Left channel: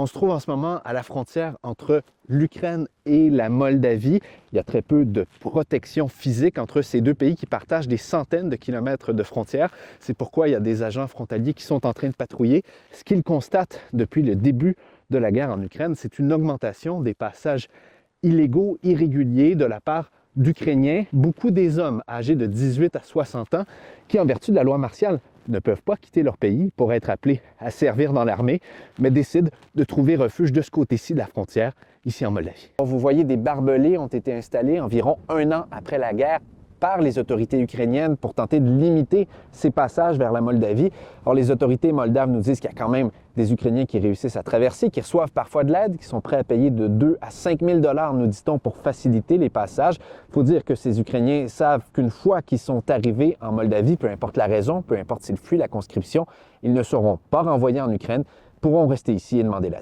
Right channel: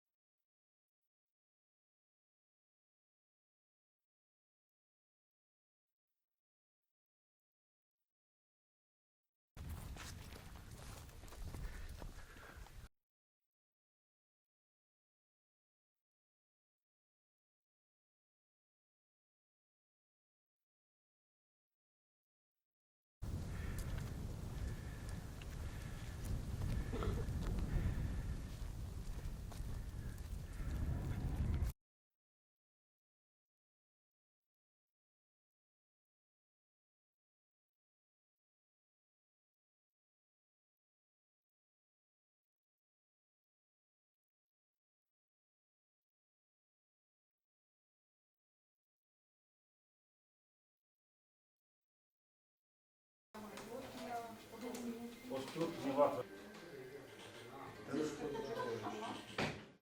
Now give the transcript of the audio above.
On se trouve en ce moment à la frontière entre l'Ukraine et la Moldavie. Il y a très peu de protection physique entre ces deux pays qui partagent des centaines de kilomètres de frontières. C'est pourquoi il y a des agents frontaliers qui sont en train de patrouiller. Ce qu'ils constatent depuis le début de la guerre en Ukraine, c'est une augmentation des passages illégaux, irréguliers de la part d'Ukrainiens, beaucoup des hommes âgés de 18 à 60 ans qui, en vertu de la loi martiale, ne peuvent pas quitter leur pays pour être appelés à servir dans l'armée, mais décident de trouver refuge de ce côté-ci de la frontière, ici en Moldavie. Vous voyez, des barbelés ont été installés environ 1 an après la guerre par les autorités ukrainiennes pour tenter de limiter ces passages vers la Moldavie. Or, les autorités moldaves nous disent qu'il y a quand même des Ukrainiens qui réussissent à traverser, qui reçoivent parfois de l'aide, qui sont prêts à payer de 2 à 5 000 $, nous dit-on, pour faciliter les passages. Il faut dire que ces Ukrainiens savent qu'une fois qu'ils sont arrivés en Moldavie, peu importe la raison, peu importe s'ils fuient la conscription, ils ne seront pas renvoyés en Ukraine, pourront rester ici et demander l'asile.